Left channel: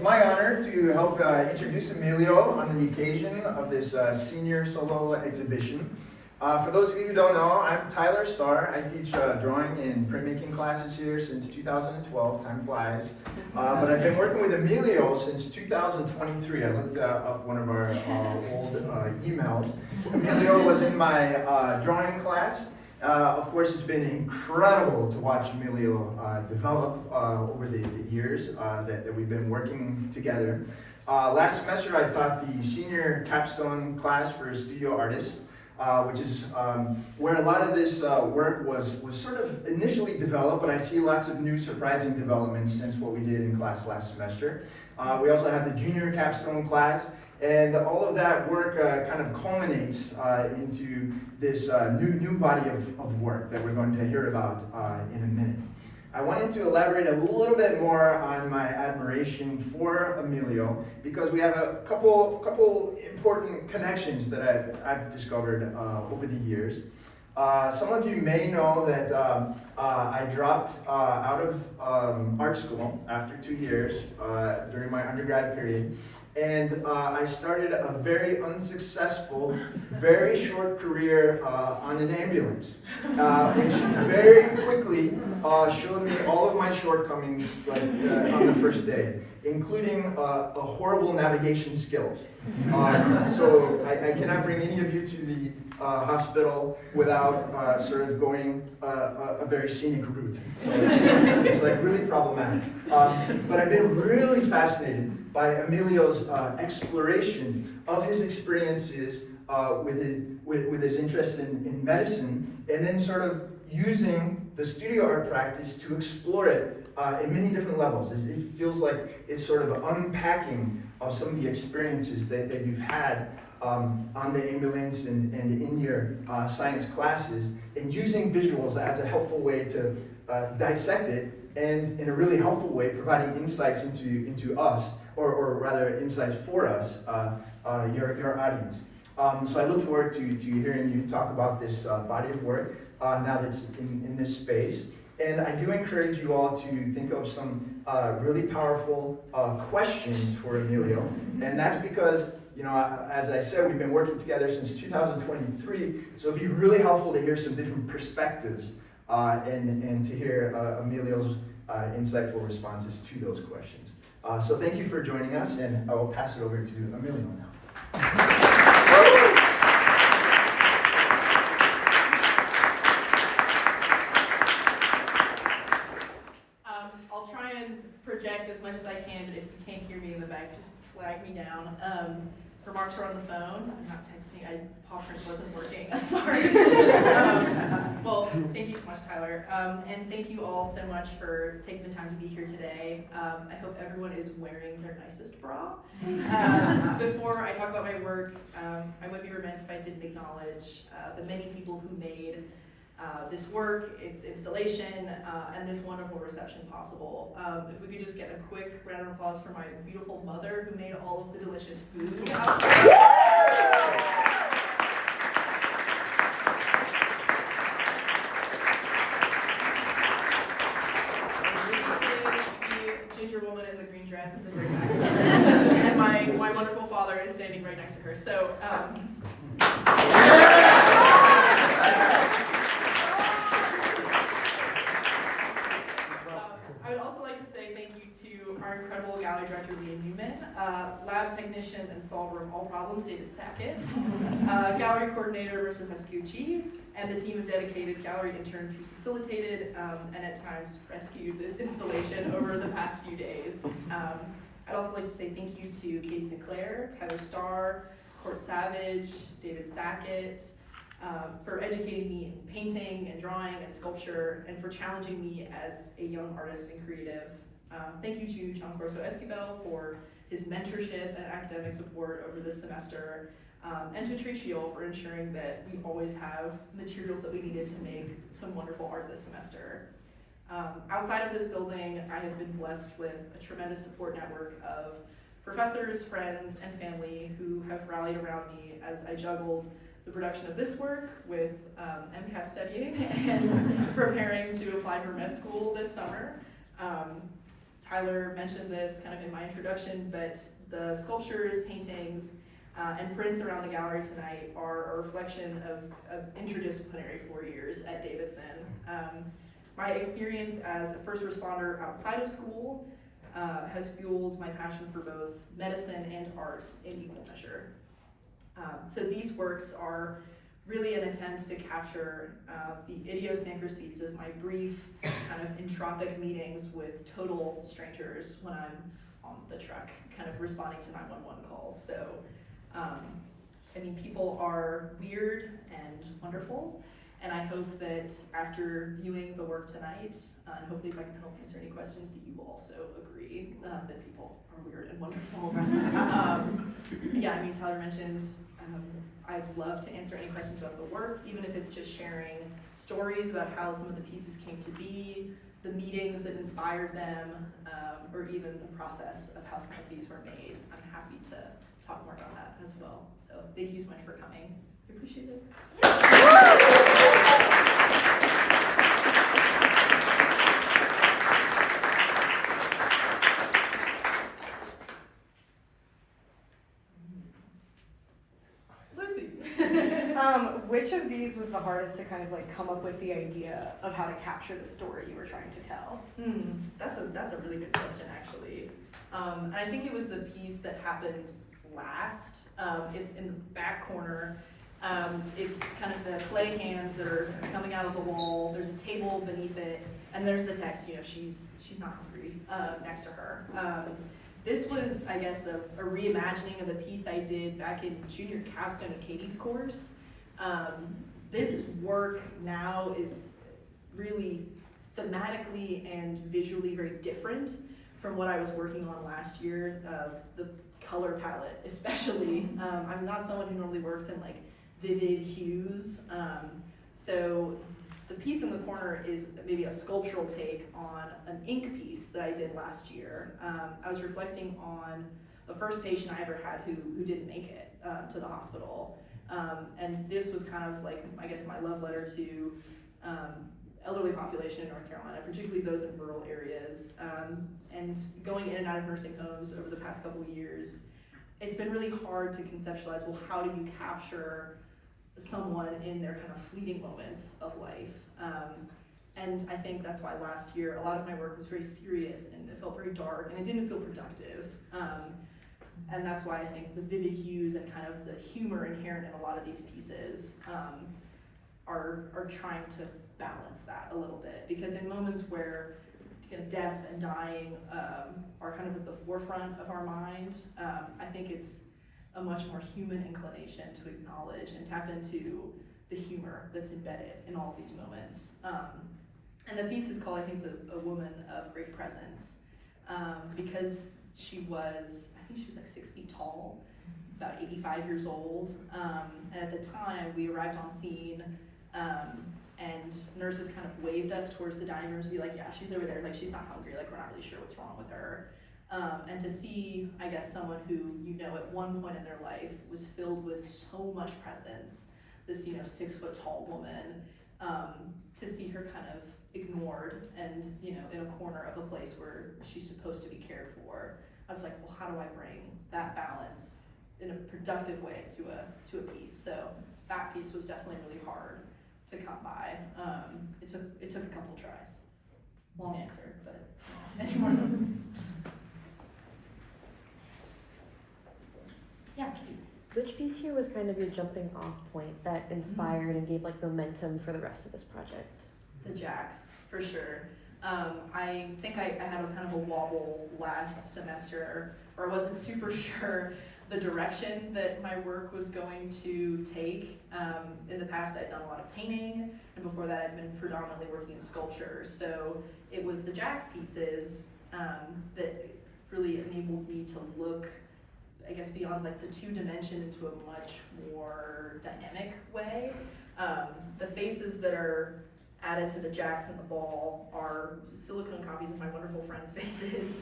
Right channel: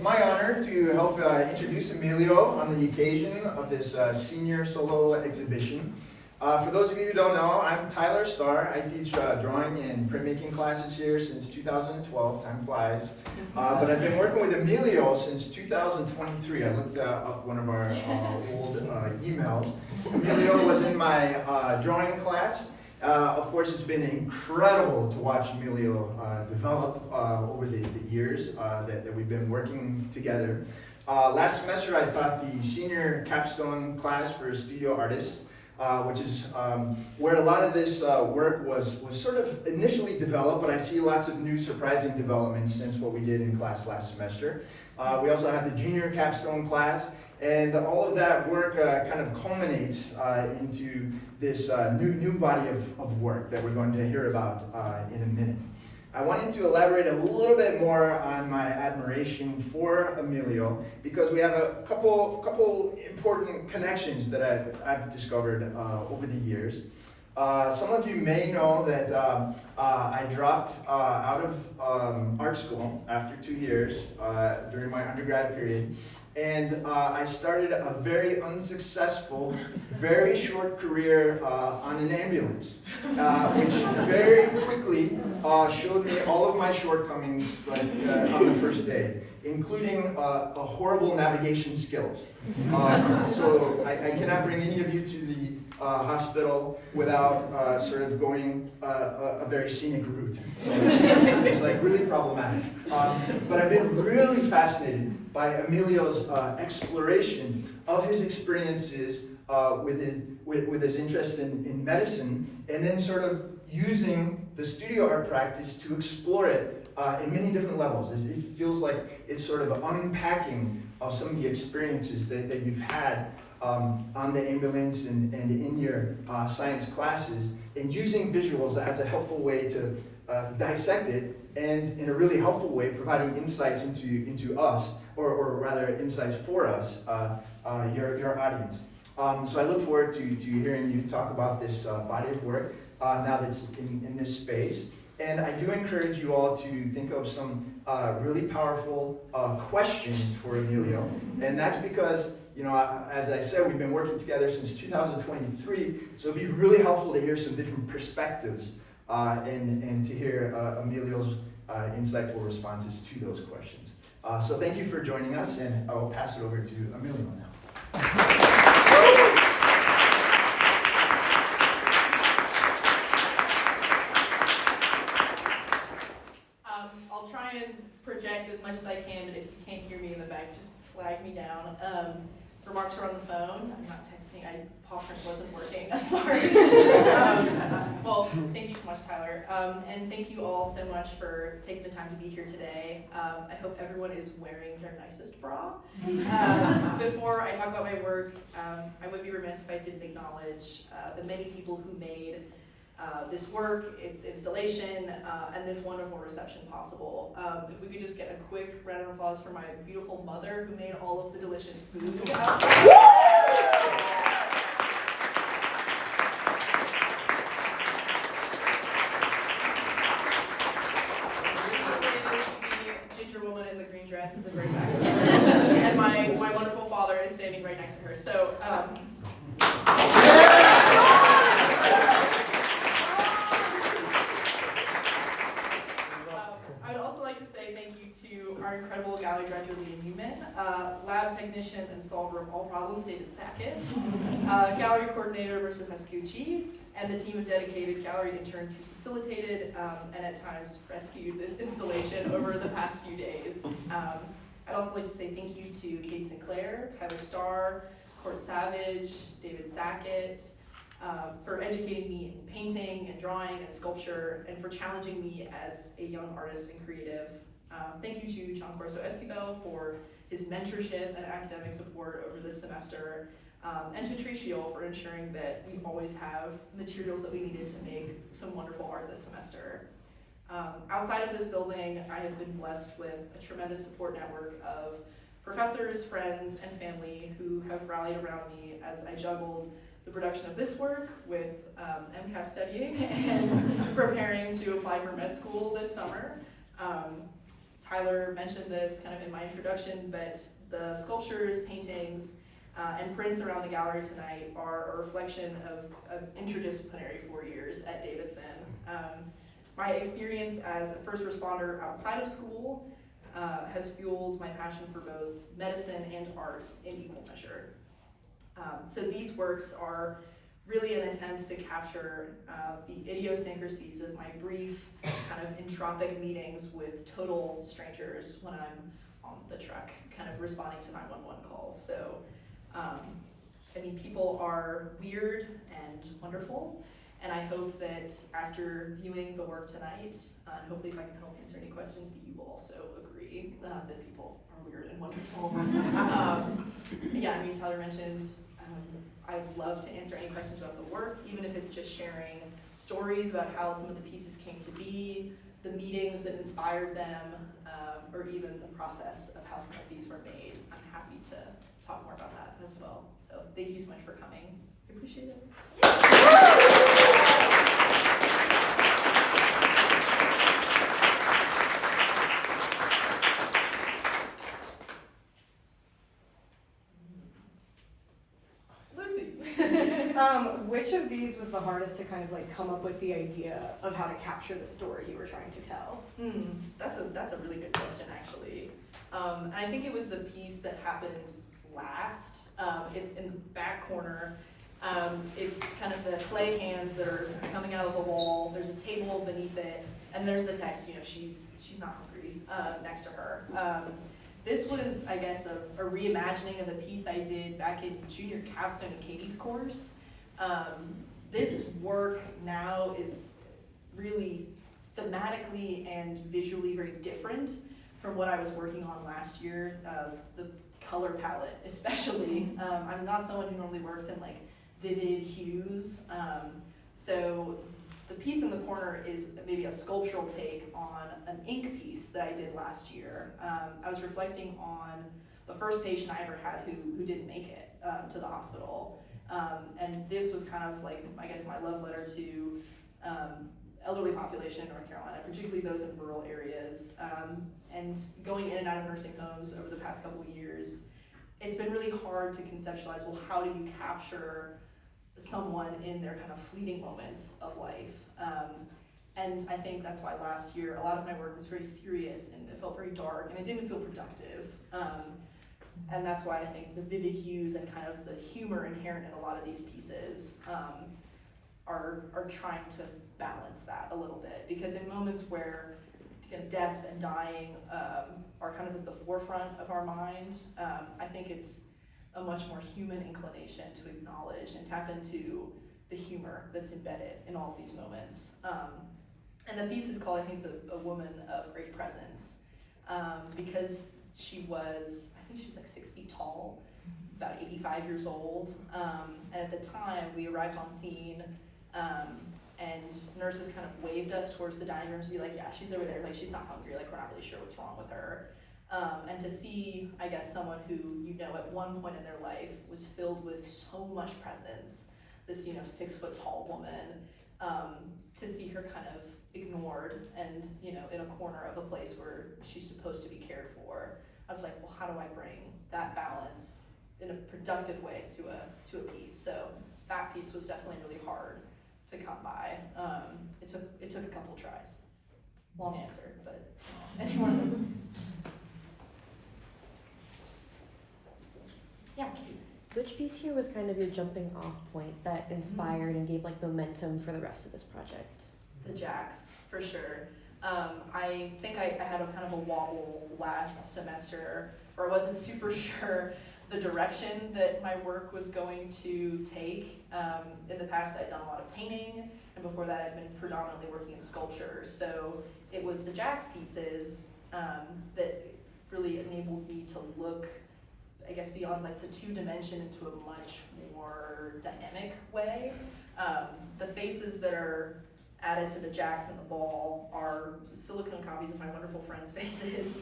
it's my honor to help introduce Amelio on the occasion of this senior solo exhibition. For those of you who don't know, I'm Tyler Starr. I teach drawing and printmaking classes here since 2012, time flies. But I've been working with Amelio since 2023. I looked up one of our old emails. Amelio was in my drawing class. Of course, it's been incredible to watch Amelio develop over the years that we've been working together. Last semester, I taught the senior capstone class for studio artists, which is where a lot of this work was sort of initially developed, but I see lots of new surprising developments since what we did in class last semester. We also have the junior capstone class, and all of that work kind of culminates into this new body of work that we're going to hear about in a minute. I wanted to elaborate a little bit more on my admiration for Amelio because we have a couple important connections that I've discovered over the years. Some of you may know that I dropped out of art school after 2 years during my undergrad period. And I started a very unsuccessful, very short career on an ambulance, which very quickly showed me all of my shortcomings on the first day, including horrible navigation skills. So I cannot bring any of you to the hospital without sort of going a very scenic route. So it's like really problematic. But I've been really fascinated by Amelio's exploration of his experiences with his interest in medicine, and then sort of using the studio art practice to explore it in many different levels. It feels like it's sort of unpacking of some of the experiences that you've had on the ambulance and in your science classes, and using visuals as a helpful way to dissect it, and in a really helpful way providing insights into us, or rather insights for us, your audience. So I look forward to hearing you talk about this body of work now that's in this space. And I do encourage you all to think of some really powerful questions for Amelio. And that's because, you know, as I said, we've been working together since 2023, so it'd be really helpful to hear some different perspectives and to hear Amelio's insightful responses to those questions. So thank you for joining us, and I will pass it over to Amelio now. I'll try and project as much as I can, but if you can't hear me in the back, just flag me down. Remarks are on the phone. I'm not texting. Paw print wasn't working. I'm sorry. Well, thank you so much, Tyler. And thank you all so much for taking the time to be here today. I hope everyone is wearing their nicest bra. Before I talk about my work, I would be remiss if I didn't acknowledge the many people who made this work, its installation, and this wonderful reception possible. If we could just get a quick round of applause for my beautiful mother who made all of the delicious food outside. The ginger woman in the green dress at the very back. And my wonderful father is standing right next to her. So, I would also like to say thank you to our incredible gallery director, Leah Newman, lab technician and solver of all problems, David Sackett, gallery coordinator, Mr. Pascucci, and the team of dedicated gallery interns who facilitated and at times rescued this installation over the past few days. I'd also like to say thank you to Katie Sinclair, Tyler Starr, Court Savage, David Sackett, for educating me in painting and drawing and sculpture, and for challenging me as a young artist and creative. Thank you to Giancorso Esquivel for his mentorship and academic support over this semester, and to Tricio for ensuring that we always have materials that we needed to make some wonderful art this semester. Outside of this building, I have been blessed with a tremendous support network of professors, friends, and family who have rallied around me as I juggled the production of this work with MCAT studying and preparing to apply for med school this summer. Tyler mentioned this kind of in my introduction, but the sculptures, paintings, and prints around the gallery tonight are a reflection of interdisciplinary 4 years at Davidson. My experience as a first responder outside of school has fueled my passion for both medicine and art in equal measure. So these works are really an attempt to capture the idiosyncrasies of my brief kind of entropic meetings with total strangers when I'm on the truck, kind of responding to 911 calls. So, I mean, people are weird and wonderful, and I hope that after viewing the work tonight, and hopefully if I can help answer any questions, that you will also agree that people are weird and wonderful. Yeah, I mean, Tyler mentioned I'd love to answer any questions about the work, even if it's just sharing stories about how some of the pieces came to be, the meetings that inspired them, or even the process of how some of these were made. I'm happy to talk more about that as well. So thank you so much for coming. I appreciate it. Which of these was the hardest to kind of like come up with the idea of how to capture the story you were trying to tell? That's a really good question, actually. And I think it was the piece that happened last. It's in the back corner. It's kind of the clay hands that are coming out of the wall. There's a table beneath it, and there's the text, you know, she's not hungry, next to her. This was, I guess, a reimagining of a piece I did back in junior capstone and Katie's course. This work now is really thematically and visually very different from what I was working on last year, the color palette especially. I'm not someone who normally works in like vivid hues, so the piece in the corner is maybe a sculptural take on an ink piece that I did last year. I was reflecting on the first patient I ever had who didn't make it to the hospital. And this was kind of like, I guess, my love letter to elderly population in North Carolina, particularly those in rural areas. And going in and out of nursing homes over the past couple of years, it's been really hard to conceptualize, well, how do you capture someone in their kind of fleeting moments of life? And I think that's why last year, a lot of my work was very serious and it felt very dark and it didn't feel productive. And that's why I think the vivid hues and kind of the humor inherent in a lot of these pieces are trying to balance that a little bit. Because in moments where kind of death and dying are kind of at the forefront of our mind, I think it's a much more human inclination to acknowledge and tap into the humor that's embedded in all of these moments. And the piece is called, I think, a woman of great presence, because she was like 6 feet tall, about 85 years old. And at the time we arrived on scene, and nurses kind of waved us towards the dining room to be like, yeah, she's over there, like she's not hungry, like we're not really sure what's wrong with her. And to see, I guess, someone who, you know, at one point in their life was filled with so much presence, this, you know, 6 foot tall woman, to see her kind of ignored and, you know, in a corner of a place where she's supposed to be cared for. I was like, well, how do I bring that balance in a productive way to a piece? So that piece was definitely really hard to come by. It took a couple tries. Long answer, but you know, anyone else? Yeah, Kate. Which piece here was kind of your jumping off point that inspired and gave like momentum for the rest of this project? The jacks, for sure. I think I had a kind of a wobble last semester, or I wasn't super sure the direction that my work was going to take. In the past, I'd done a lot of painting, and before that, I'd been predominantly working in sculpture. So it was the jacks pieces that really enabled me to look, I guess, beyond like the 2-dimension into a much more dynamic way. The faces that are added to the jacks and the ball are silicone copies of my wonderful friends' faces.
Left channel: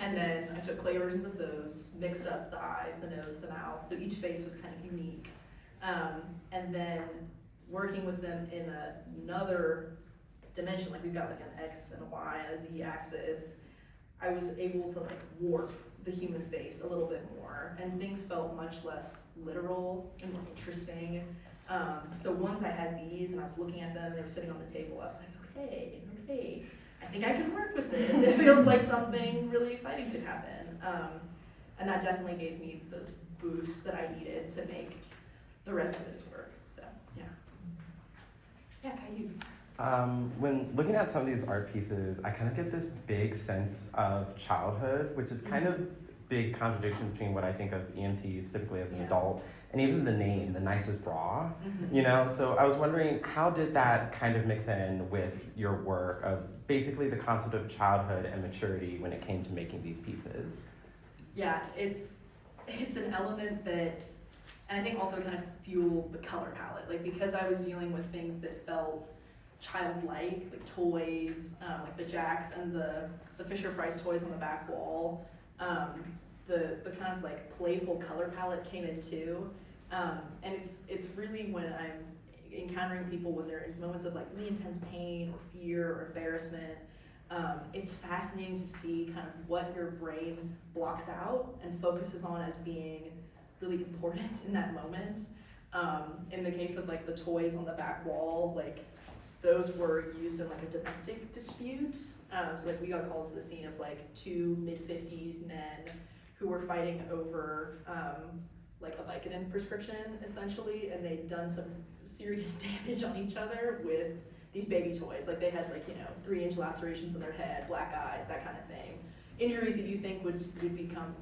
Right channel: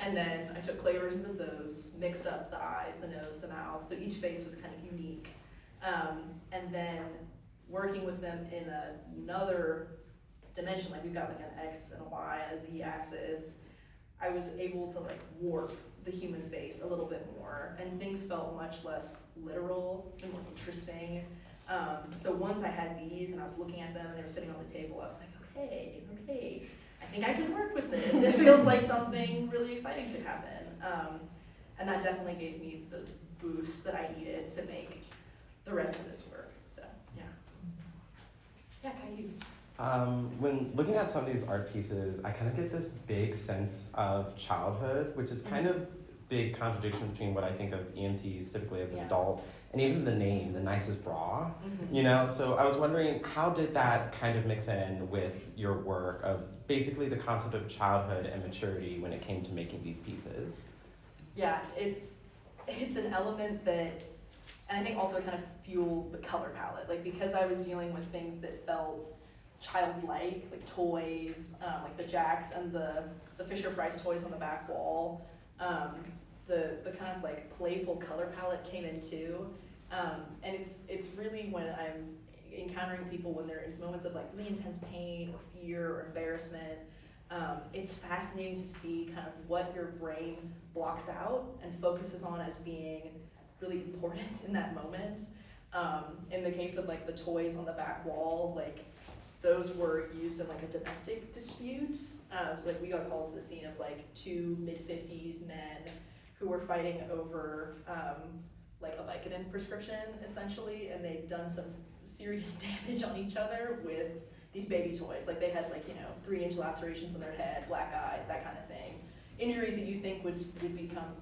And then I took clay versions of those, mixed up the eyes, the nose, the mouth, so each face was kind of unique. And then working with them in another dimension, like we've got like an X and a Y and a Z axis, I was able to like warp the human face a little bit more, and things felt much less literal and more interesting. So once I had these and I was looking at them and they were sitting on the table, I was like, okay, I think I can work with this. It feels like something really exciting could happen. And that definitely gave me the boost that I needed to make the rest of this work. So yeah. Yeah, Caillou. When looking at some of these art pieces, I kind of get this big sense of childhood, which is kind of big contradiction between what I think of EMTs typically as an adult, and even the name, the nicest bra, you know? So I was wondering, how did that kind of mix in with your work of basically the concept of childhood and maturity when it came to making these pieces? Yeah, it's an element that, and I think also kind of fueled the color palette. Like because I was dealing with things that felt childlike, like toys, like the Jacks and the Fisher Price toys on the back wall. The kind of like playful color palette came in too. And it's really when I'm encountering people when they're in moments of like really intense pain or fear or embarrassment, it's fascinating to see kind of what your brain blocks out and focuses on as being really important in that moment. In the case of like the toys on the back wall, like those were used in like a domestic dispute. So like we got called to the scene of like two mid-50s men who were fighting over like a Vicodin prescription essentially, and they'd done some serious damage on each other with these baby toys. Like they had like, 3-inch lacerations in their head, black eyes, that kind of thing. Injuries that you think would become,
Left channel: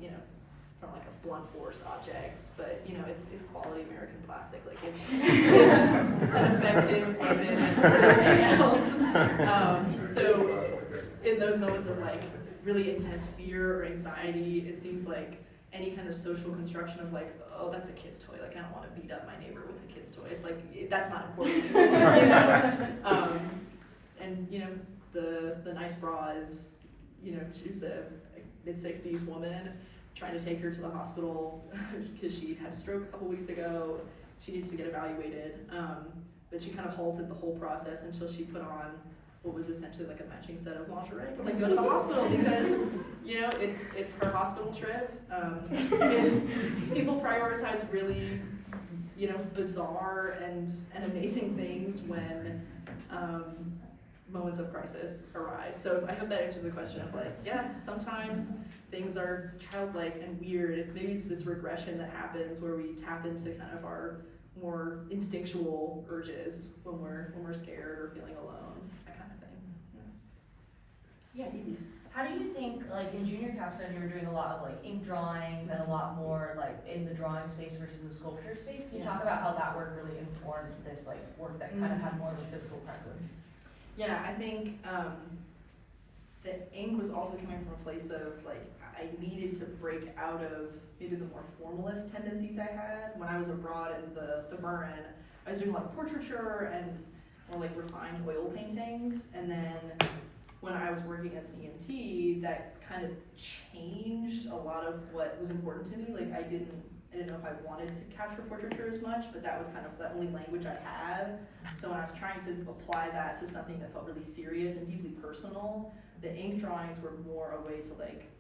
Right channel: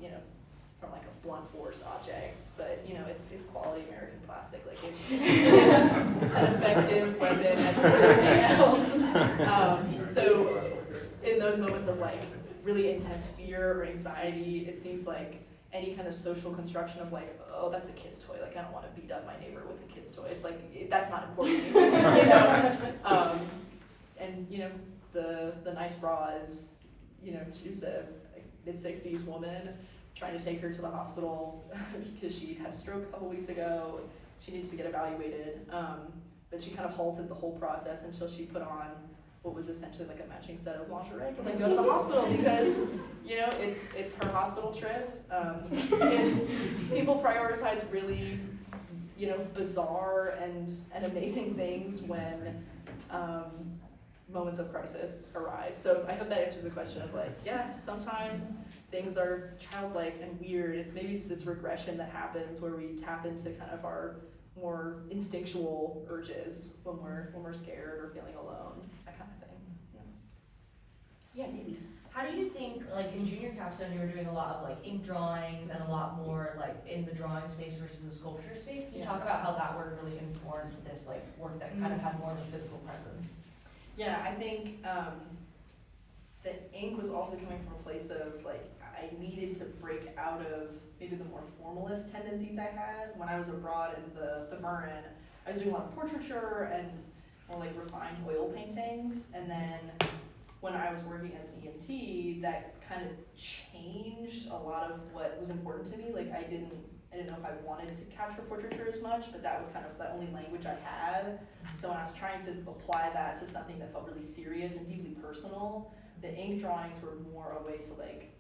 from like a blunt force object, but it's quality American plastic. Like it's an effective weapon as anything else. So in those moments of like really intense fear or anxiety, it seems like any kind of social construction of like, oh, that's a kid's toy. Like I don't want to beat up my neighbor with a kid's toy. It's like that's not important anymore, And the nice bra is, she was a mid-60s woman trying to take her to the hospital because she had a stroke a couple weeks ago. She needed to get evaluated, but she kind of halted the whole process until she put on what was essentially like a matching set of lingerie to like go to the hospital because it's her hospital trip. People prioritize really bizarre and amazing things when moments of crisis arise. So I hope that answers the question of like, yeah, sometimes things are childlike and weird. It's this regression that happens where we tap into kind of our more instinctual urges when we're scared or feeling alone, that kind of thing. Yeah. Yeah. How do you think, like in junior capstone, you were doing a lot of like ink drawings and a lot more like in the drawing space versus the sculpture space? Can you talk about how that work really informed this like work that kind of had more of a physical presence? Yeah, I think the ink was also coming from a place of like I needed to break out of maybe the more formalist tendencies I had when I was abroad in the Marin. I was doing a lot of portraiture and more like refined oil paintings, and then when I was working as an EMT, that kind of changed a lot of what was important to me. Like I didn't know if I wanted to capture portraiture as much, but that was kind of the only language I had. So when I was trying to apply that to something that felt really serious and deeply personal, the ink drawings were more a way to like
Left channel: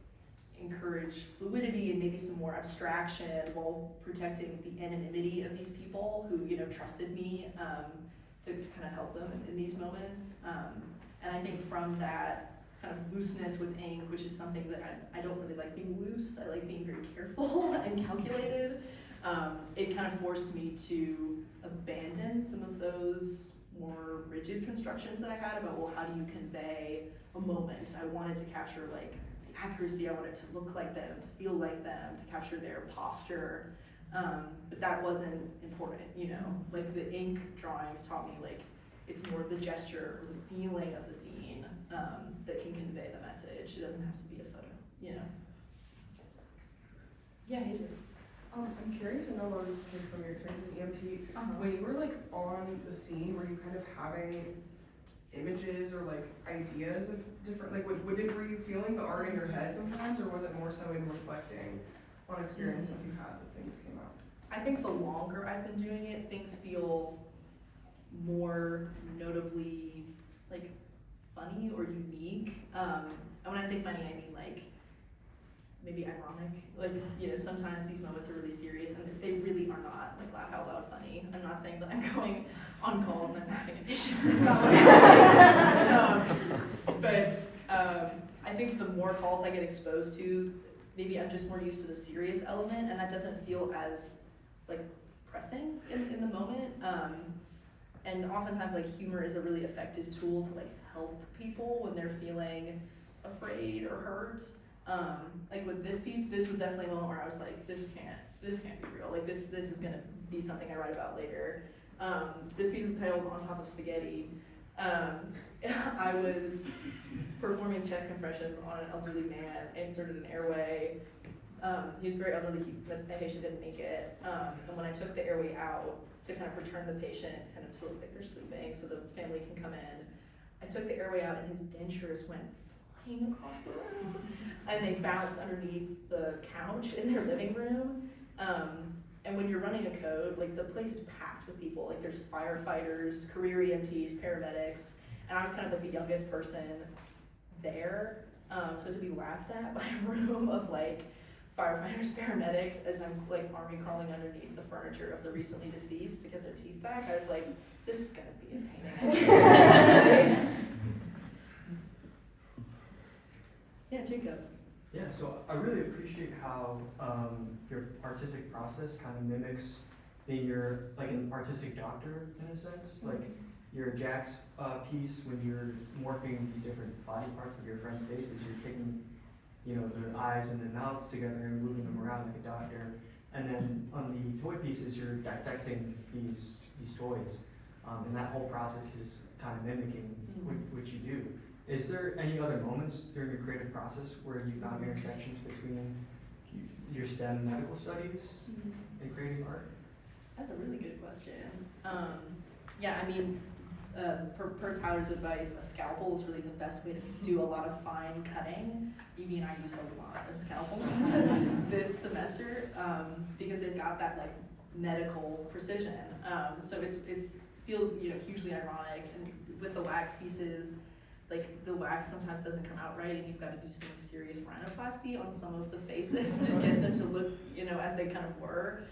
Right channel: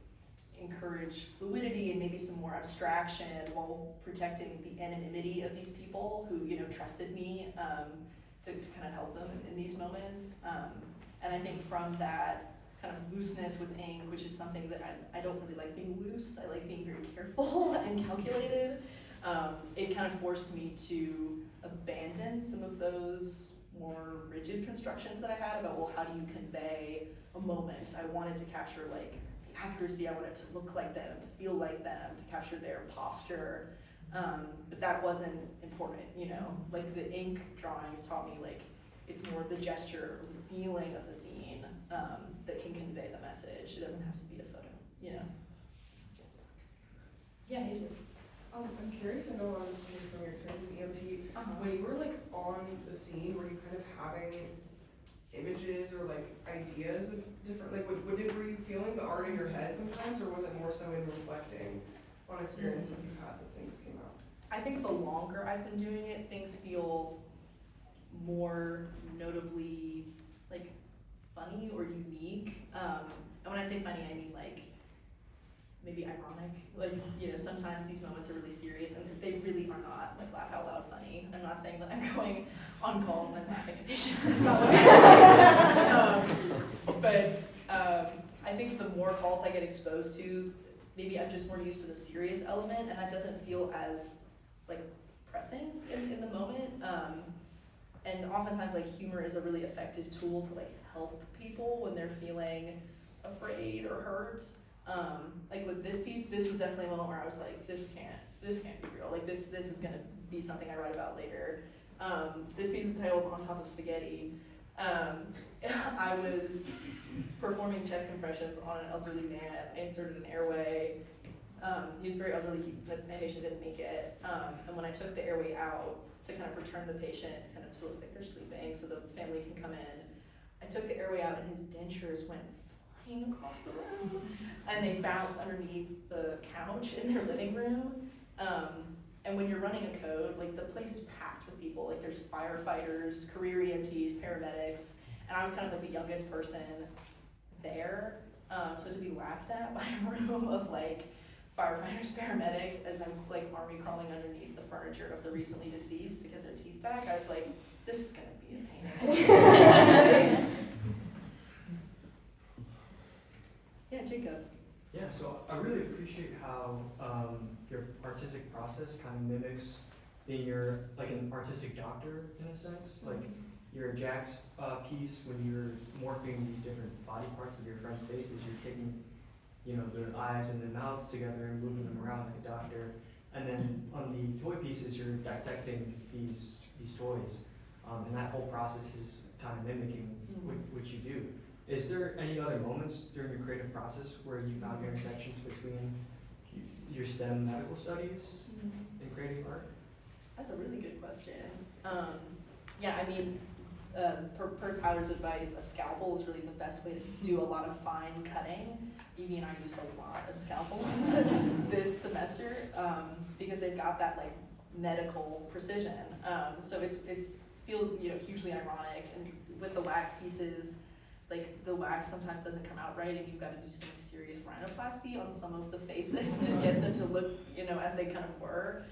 encourage fluidity and maybe some more abstraction while protecting the anonymity of these people who trusted me to kind of help them in these moments. And I think from that kind of looseness with ink, which is something that I don't really like being loose, I like being very careful and calculated, it kind of forced me to abandon some of those more rigid constructions that I had about, well, how do you convey a moment? I wanted to capture like the accuracy, I wanted to look like them, to feel like them, to capture their posture, but that wasn't important, like the ink drawings taught me like it's more the gesture or the feeling of the scene that can convey the message. It doesn't have to be a photo, Yeah, AJ. I'm curious to know about this from your experience in EMT. When you were like on the scene, were you kind of having images or like ideas of different, like were you feeling the art in your head sometimes, or was it more so in reflecting on experiences you had that things came up? I think the longer I've been doing it, things feel more notably like funny or unique. and when I say funny, I mean like maybe ironic. Like, you know, sometimes these moments are really serious and they really are not like laugh out loud funny. I'm not saying that I'm going on calls and I'm laughing at patients. That's not what I'm saying. I think the more calls I get exposed to, maybe I'm just more used to the serious element, and that doesn't feel as like pressing in the moment. And oftentimes like humor is a really effective tool to like help people when they're feeling afraid or hurt. Like with this piece, this was definitely a moment where I was like, this can't be real. Like this is gonna be something I write about later. This piece is titled On Top of Spaghetti. I was performing chest compressions on an elderly man, inserted an airway. He was very elderly, the patient didn't make it. And when I took the airway out to kind of return the patient kind of to look like they're sleeping so the family can come in, I took the airway out and his dentures went flying across the room. And they bounced underneath the couch in their living room. And when you're running a code, like the place is packed with people. Like there's firefighters, career EMTs, paramedics, and I was kind of like the youngest person there. So to be laughed at by a room of like firefighters, paramedics, as I'm like army crawling underneath the furniture of the recently deceased to get their teeth back, I was like, this is gonna be entertaining. Yeah, Jacob. Yeah, so I really appreciate how your artistic process kind of mimics being like an artistic doctor in a sense. Like your Jack's piece, when you're morphing these different body parts of your friends' faces, you're taking, you know, their eyes and their mouths together and moving them around like a doctor. And then on the toy pieces, you're dissecting these toys, and that whole process is kind of mimicking what you do. Is there any other moments during your creative process where you found intersections between your STEM and medical studies and creative art? That's a really good question. Yeah, I mean, per Tyler's advice, a scalpel is really the best way to do a lot of fine cutting. Evie and I used a lot of scalpels this semester because they've got that like medical precision. So it feels, you know, hugely ironic. And with the wax pieces, like the wax sometimes doesn't come out right, and you've got to do some serious rhinoplasty on some of the faces to get them to look, you know, as they kind of were.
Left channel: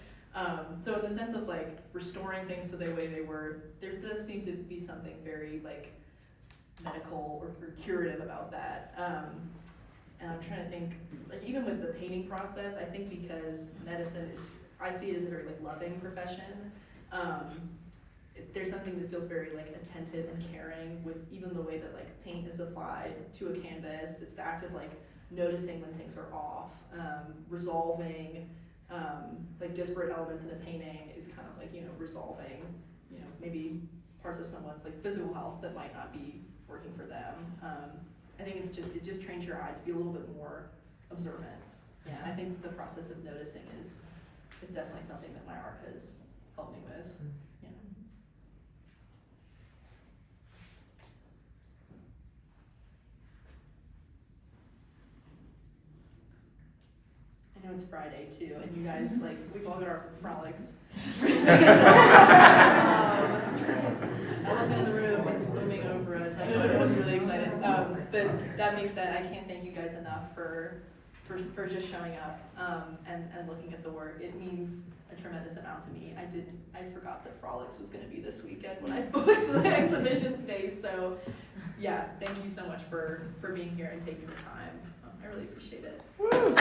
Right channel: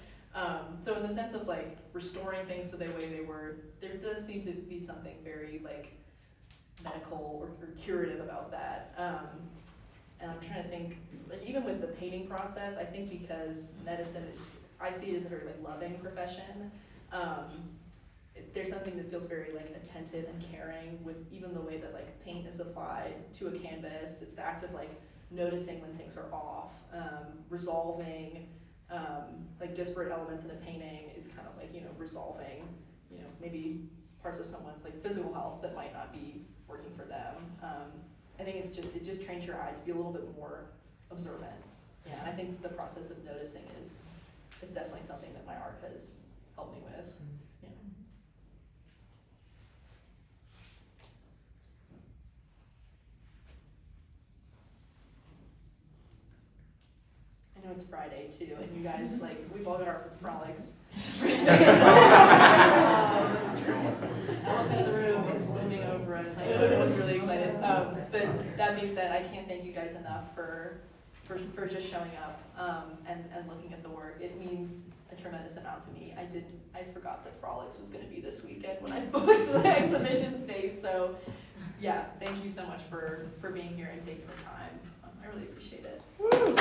So in the sense of like restoring things to the way they were, there does seem to be something very like medical or curative about that. And I'm trying to think, like even with the painting process, I think because medicine, I see it as a very like loving profession. There's something that feels very like attentive and caring with even the way that like paint is applied to a canvas. It's the act of like noticing when things are off, resolving like disparate elements in a painting is kind of like, you know, resolving, you know, maybe parts of someone's like physical health that might not be working for them. I think it just trains your eyes to be a little bit more observant. Yeah, I think the process of noticing is definitely something that my art has helped me with. Yeah. I know it's Friday too, and you guys, like, we've all got our frolics. Elephant in the room, it's looming over us. I know everyone's really excited. But that being said, I can't thank you guys enough for just showing up and looking at the work. It means a tremendous amount to me. I forgot that Frolics was going to be this weekend when I booked the exhibition space. So yeah, thank you so much for being here and taking the time. I really appreciate it. Woo!